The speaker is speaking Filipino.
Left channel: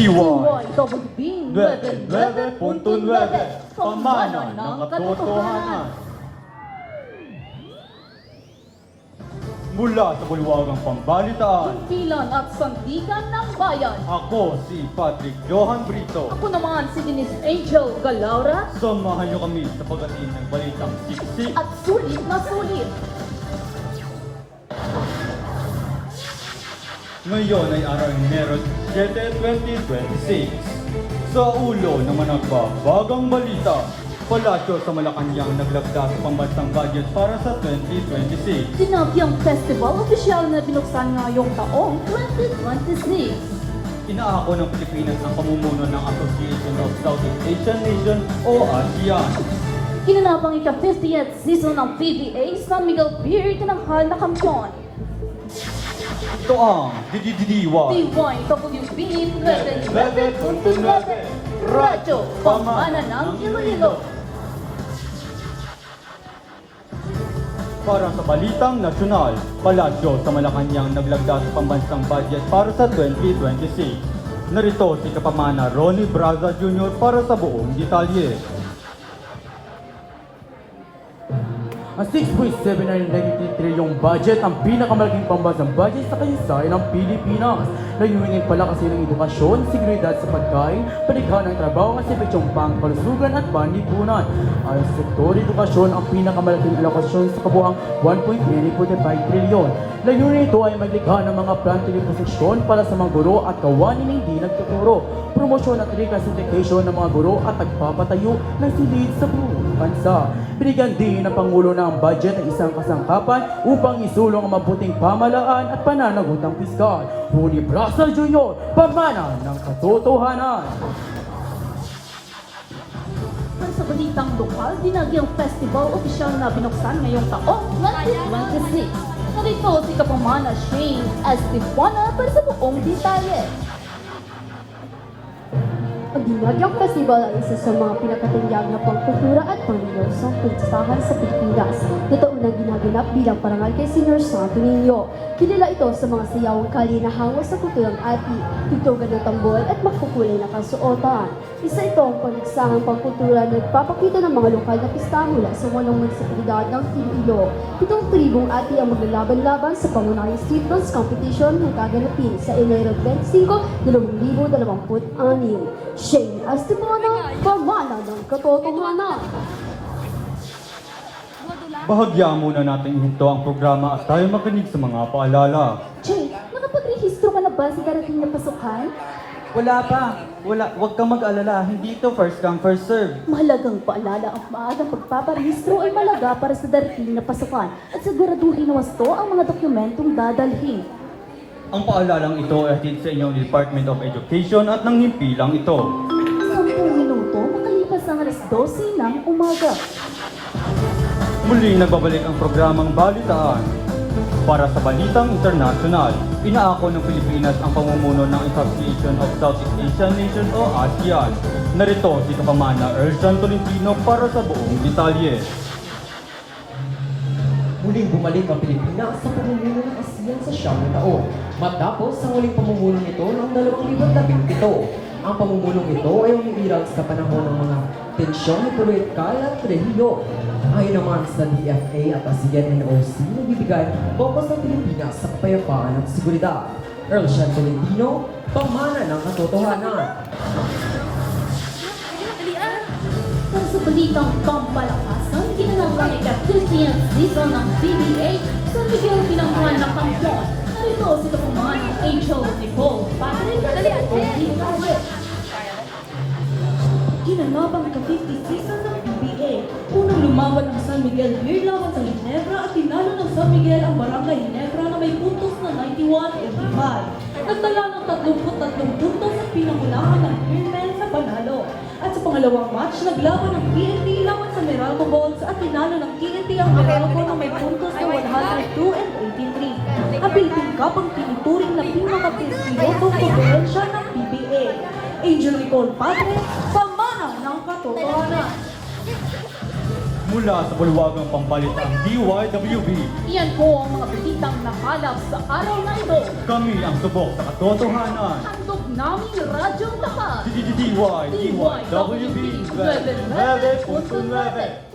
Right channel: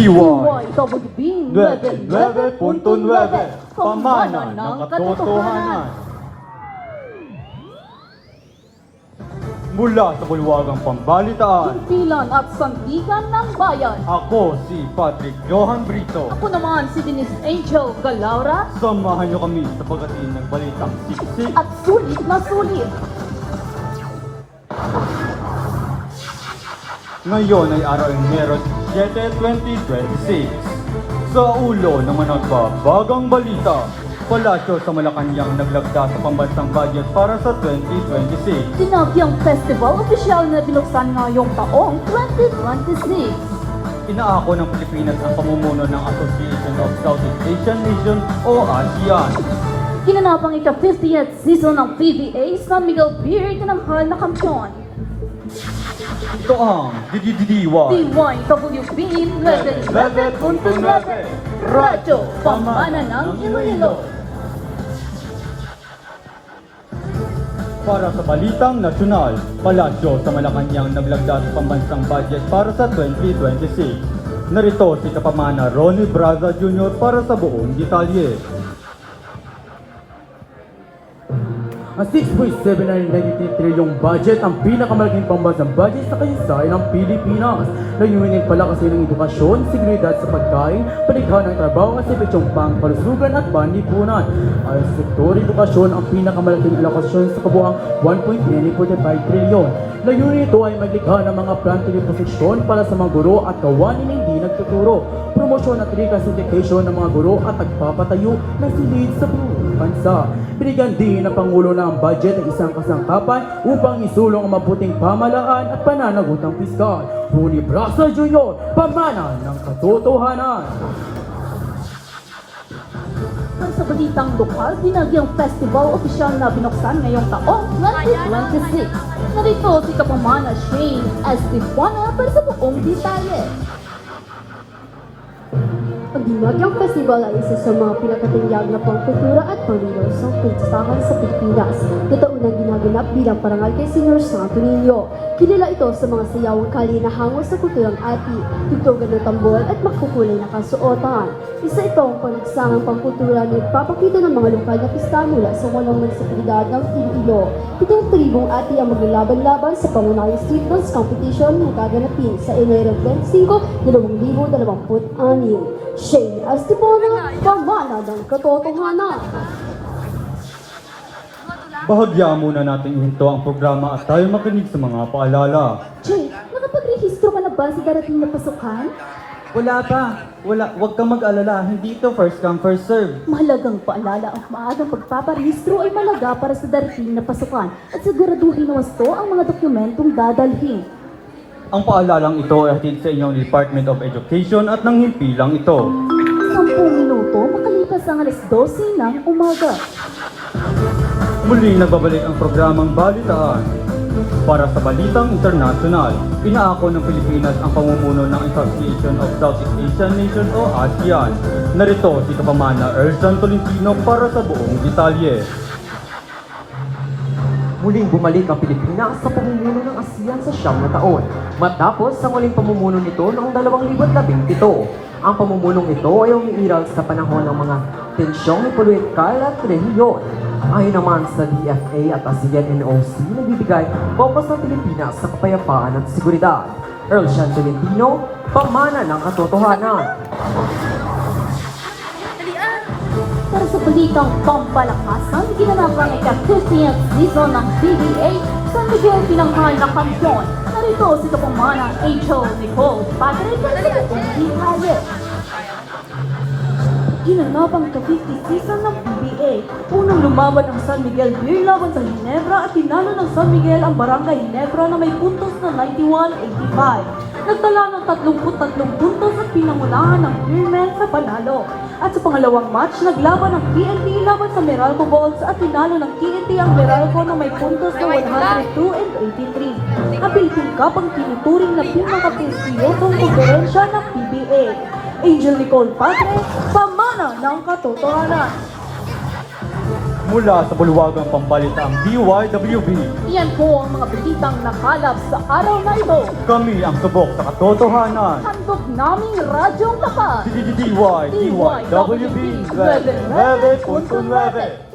DYWB 9.9.9 Pamana ng Katotohanan. Mula sa bulwagang pambalitaan, Kumpilan at sandigan ng bayan. ako si Patrick Johan Brito. Ako naman si Denise Angel Galaura. Samahan niyo kami sa pagdating ng balitang siksik At sulit na sulit. Ngayon ay araw ng Enero 7, 2026. Sa ulo ng mga nagbabagang balita, palasyo sa Malacanang naglagda sa pambansang budget para sa 2026. Sinagyang festival opisyal na binuksan ngayong taong 2026. Inaako ng Pilipinas ang pamumuno ng Association of Southeast Asian Nations o ASEAN. Ginanap ang ika-50th season ng PBA San Miguel Beer tinanghal na kampiyon. Ito ang DDDY. DYWB 9.9.9 Radyo Pamana ng Iloilo. Para sa balitang nasyonal, palasyo sa Malacanang naglagda sa pambansang budget para sa 2026. Narito si Kapamana Ronnie Braza Jr. para sa buong detalye. Ang 6.793 trilyong budget ang pinakamalaking pambansang budget sa kasaysayan ng Pilipinas. Layunin pala kasi ng edukasyon, seguridad sa pagkain, palighan ng trabaho at serbisyong pangkalusugan at panlipunan. Ayon sa sektor edukasyon, ang pinakamalaking alokasyon sa kabuuang 1.945 trilyon. Layunin ito ay maglikha ng mga planting posisyon para sa mga guro at kawanin na hindi nagtuturo, promosyon at reclassification ng mga guro at pagpapatayo ng silid sa buong bansa. Binigyan din ng Pangulo na ang budget ay isang kasangkapan upang isulong ang mabuting pamahalaan at pananagutang piskal. Ronnie Braza Jr., Pamana ng Katotohanan. Ang sa balitang lokal, dinagyang festival opisyal na binuksan ngayong taong 2026. Narito si Kapamana Shane Estefana para sa buong detalye. Ang Dinagyang Festival ay isa sa mga pinakatingyag na pangkultura at panglilusong pagsasahan sa Pilipinas na taon na ginaganap bilang parangal kay Senyor Santo Niño. Kilala ito sa mga sayawang kali na hango sa kulturang ati, tugtugan ng tambol at magkukulay na kasuotan. Isa ito ang paligsangang pangkultura na nagpapakita ng mga lokal na pista mula sa 8 munisipalidad ng Iloilo. 7 tribong ati ang maglalaban-laban sa pangunahing street dance competition na gaganapin sa Enero 25, 2026. Shane Estefana, Pamana ng Katotohanan. Bahagya muna natin ihinto ang programa at tayo makinig sa mga paalala. Jay, nakapag-rehistro ka na ba sa darating na pasukan? Wala pa. Huwag kang mag-alala. Hindi ito first come, first serve. Mahalagang paalala ang maagang pagpaparehistro ay malaga para sa darating na pasukan at siguraduhin na wasto ang mga dokumentong dadalhin. Ang paalalang ito ay hatid sa inyong Department of Education at ng himpilang ito. 10 minuto makalipas ang alas 12 ng umaga. Muling nagbabalik ang programang Balitaan. Para sa balitang internasyonal, inaako ng Pilipinas ang pamumuno ng Association of Southeast Asian Nations o ASEAN. Narito si Kapamana Ersan Tolentino para sa buong detalye. Muling bumalik ang Pilipinas sa pamumuno ng ASEAN sa 9 na taon, matapos sa muling pamumuno nito noong 2017. Ang pamumulong ito ay umiiral sa panahon ng mga tensyong political at relihiyon. Ayon naman sa DFA at ASEAN NOC, nagbibigay fokus ng Pilipinas sa kapayapaan at seguridad. Ersan Tolentino, Pamana ng Katotohanan. Para sa balitang pampalakasan, ginanap ang ika-50th season ng PBA San Miguel tinanghal na kampiyon. Narito si Kapamana Angel Nicole Patrick at sa buong detalye. Ginanap ang ika-50th season ng PBA. Unang lumaban ang San Miguel Beer laban sa Ginebra at tinalo ng San Miguel ang Barangay Ginebra na may puntos na 91-85. Nagtala ng 33 puntos at pinangunahan ng Beermen sa panalo. At sa pangalawang match, naglaban ang PNP laban sa Meralco Bulls at tinalo ng TNT ang Meralco na may puntos na 102-83. Ang Philippine Cup ang tinuturing na pinaka-prestiyosong konferensya ng PBA. Angel Nicole Patrick, Pamana ng Katotohanan. Mula sa bulwagang pambalitang DYWB, Iyan po ang mga balitang nakalap sa araw na ito. kami ang subok sa katotohanan. Handog naming radyong lakas. DYWB 99.9.